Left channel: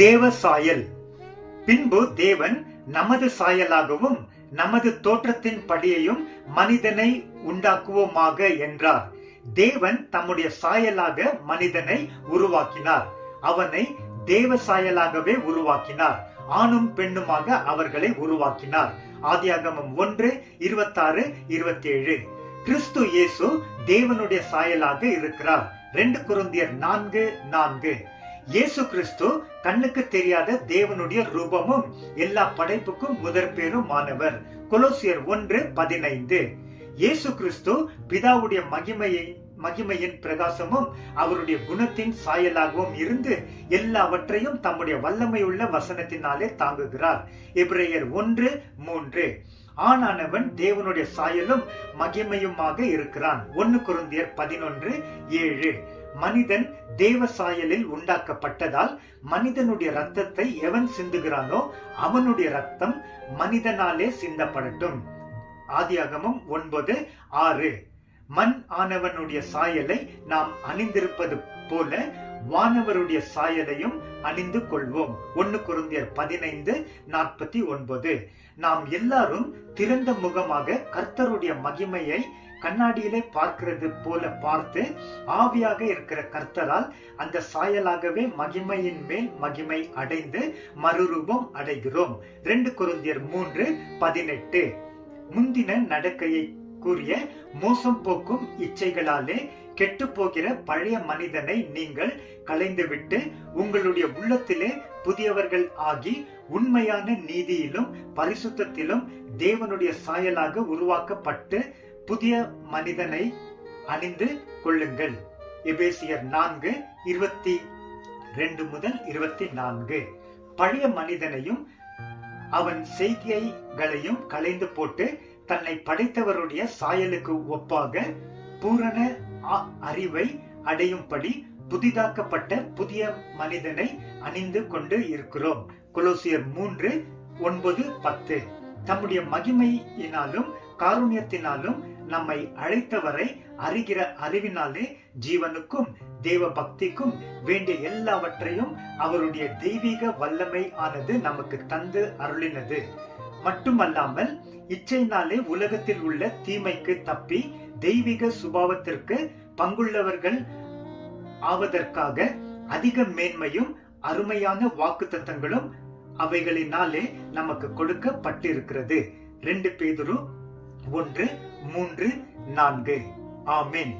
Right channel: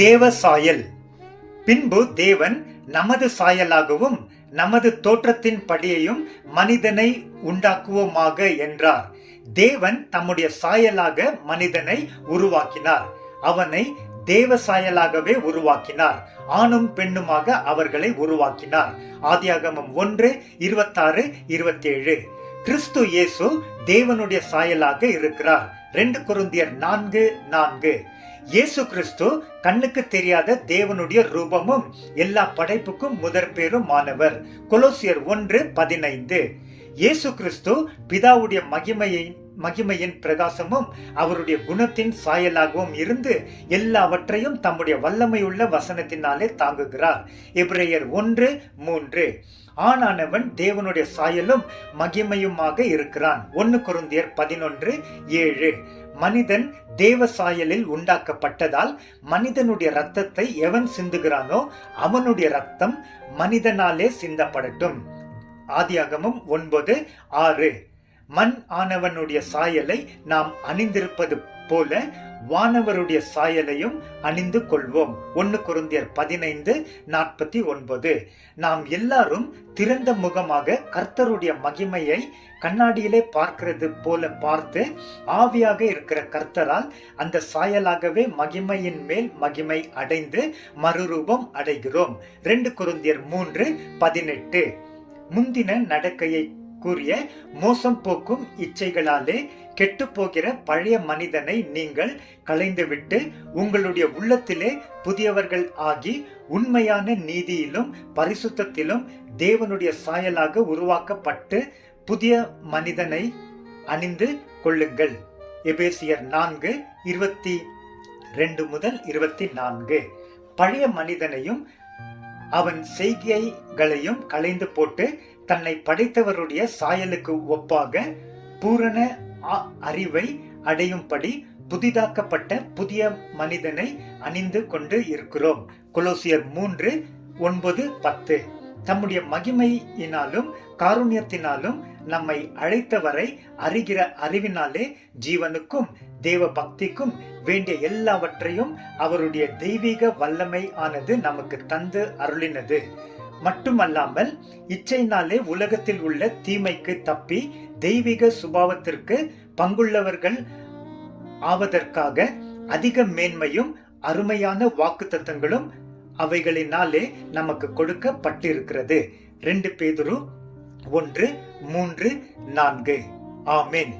தேவ சாயல். பின்பு தேவன் நமது சாயலாகவும் நமது தோற்றத்தின் படியையும் மனிதனை உண்டாக்குவோமாக என்றார். தேவன் தம்முடைய சாயலாக மனிதனை உருவாக்கினார். அவனை தேவ சாயலாகவே உருவாக்கினார். ஆணும் பெண்ணுமாக அவர்களை உருவாக்கினார். ஆதியாகமம் 1:26-27. கிறிஸ்து இயேசு தேவனுடைய சாயலாக இருக்கிறார். 2 கொரிந்தியர் 4:4. இயேசு கிறிஸ்து கண்ணுக்கு தெரியாத தேவனுடைய ரூபமும் எல்லா படைப்புக்கும் முதற்பேருமானவர். கொலோசியர் 1:15. இயேசு கிறிஸ்து பிதாவுடைய மகிமையின் பிரகாசமும் அவருடைய குணத்தின் சாயலாகவும் இருந்து எல்லாவற்றையும் தம்முடைய வல்லமையுள்ள வசனத்தினாலே தாங்குகிறார். எபிரேயர் 1:3. ஆணானவன் தேவனுடைய சாயலும் மகிமையுமாக இருக்கிறான். 1 கொரிந்தியர் 11:7. மனிதன் தேவ சாயலில் உண்டாக்கப்பட்டதால் மனிதனுடைய ரத்தத்தை எவன் சிந்துகிறானோ அவனுடைய ரத்தம் மனிதனாலே சிந்தப்படட்டும். ஆதியாகமம் 9:6. மண் ஆனவனுடைய சாயலை நாம் அணிந்திருப்பது போல வானவருடைய சாயலையும் அணிந்து கொள்வோம். 1 கொரிந்தியர் 15:49. நாம் எல்லாரும் திறந்த முகமாக கர்த்தருடைய மகிமையை கண்ணாடியிலே பார்க்கிறது போல பார்த்து ஆவியாக இருக்கிற கர்த்தரால் அந்த சாயலாகவே மகிமையின் மேல் மகிமை அடைந்து மறுரூபம் அடைகிறோம். 2 கொரிந்தியர் 3:18. முந்தின நடக்கையை கூறிய மோசம் போக்கும் இச்சைகளாலே கெட்டு போகிற பழைய மனிதனை நீங்கள் களைந்துவிட்டு உங்களுடைய உள்ளத்திலே புதியவர்கள் ஆகி உண்மையான நீதியிலும் பரிசுத்தத்திலும் தேவனுடைய சாயலாக உருவாக்கப்பட்டு புதிய மனிதனை அணிந்து கொள்ளுங்கள். எபேசியர் 4:22-24. பழைய மனிதனையும் அவன் செய்கைகளையும் களைந்து போட்டு தன்னை படைத்தவருடைய சாயலுக்கு ஒப்பாக பூரண அறிவை அடையும்படி புதிதாக்கப்பட்ட புதிய மனிதனை அணிந்து கொண்டு இருக்கிறோம். கொலோசியர் 3:9-10. தம்முடைய மகிமையினாலும் காருண்யத்தினாலும் நம்மை அழைத்தவரை அறிகிற அறிவினாலே ஜீவனுக்கும் தேவ பக்திக்கும் வேண்டிய எல்லாவற்றையும் அவருடைய தெய்வீக வல்லமை ஆனது நமக்கு தந்து அருளினது. மட்டுமல்லாமல் இச்சையினாலே உலகத்தில் உள்ள தீமைக்கு தப்பி தெய்வீக சுபாவத்திற்கு பங்குள்ளவர்கள் ஆவதற்காக அதிக மேன்மையும் அருமையான வாக்குத்தத்தங்களும் அவைகளினாலே நமக்கு கொடுக்கப்பட்டிருக்கிறது. 2 பேதுரு 1:3-4. ஆமென்.